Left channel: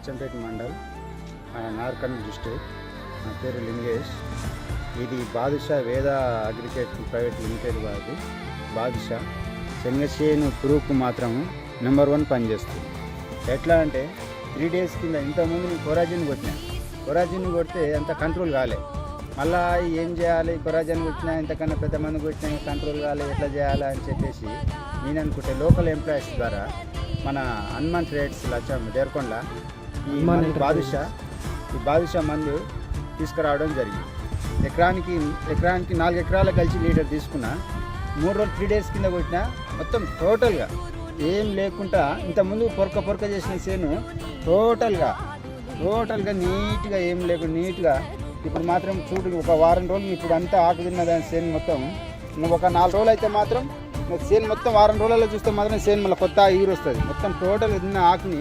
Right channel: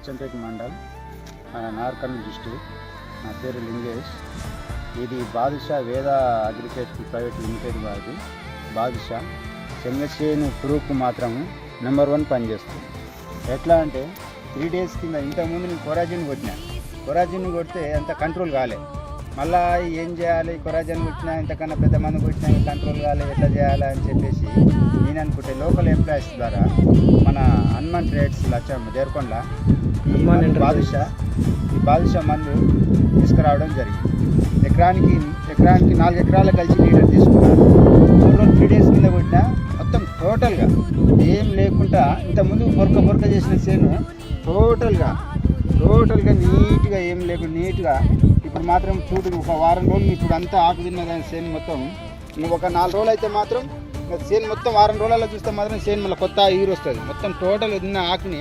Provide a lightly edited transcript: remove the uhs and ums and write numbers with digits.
Achampet mandal, నార్కర్నూల్ district. నా పేరు లింగేష్. ఇది బాదుషా వేద అగ్రికల్చర్ ప్రైవేట్ లిమిటెడ్ వారి బాదుషా శనగచేను పురుగుకు మాత్రం నెంబర్ 1 పనిచేస్తుంది. ఎట్లా అంటే 3 days కింద ఇంతకుముందు నేను కొరాజిన్ కొడితే అంత కంట్రోల్ కాలే. మళ్ళీ ఏం చేయాలి, కొరాజిన్ కొట్టినా ఇంతకన్నా పెద్ద మంది కొట్టినా కంట్రోల్ కాలే, ఎట్లా చేయాలి అని చెప్పేసి నేను అనుకుంటే లోకల్ ఎంప్లాయీస్ ద్వారా మన హనుమాన్ ట్రేడ్స్ లచ్చం దేవరకొండ ఈ బాదుషా మందు తీసుకురావడం జరిగింది. ఎకరానికి 4 ఎకరాలు కలిసి లీటర్ తీసుకున్నాను. 3 days కింద కొట్టినా మొత్తం టోటల్గా ఏం లేకుండా ఇంతకుముందు పొరక చేసిన చేను టోటల్గా నీట్గా ఏం లేకుండా నీట్గా ఇప్పుడు మాత్రం చూడు ఒక వారం రోజులు ఇప్పుడు అంతా ఆకు తిన్న దాని చేను మొత్తం నువ్వు ఒక 4 రోజులు అయితే మాత్రం చేను మొత్తం వారం రోజులలో చూస్తే మాత్రం చేను మళ్ళీ కొత్త ఈరు వస్తుంది. మొత్తం టోటల్ తిన్న ఆకుని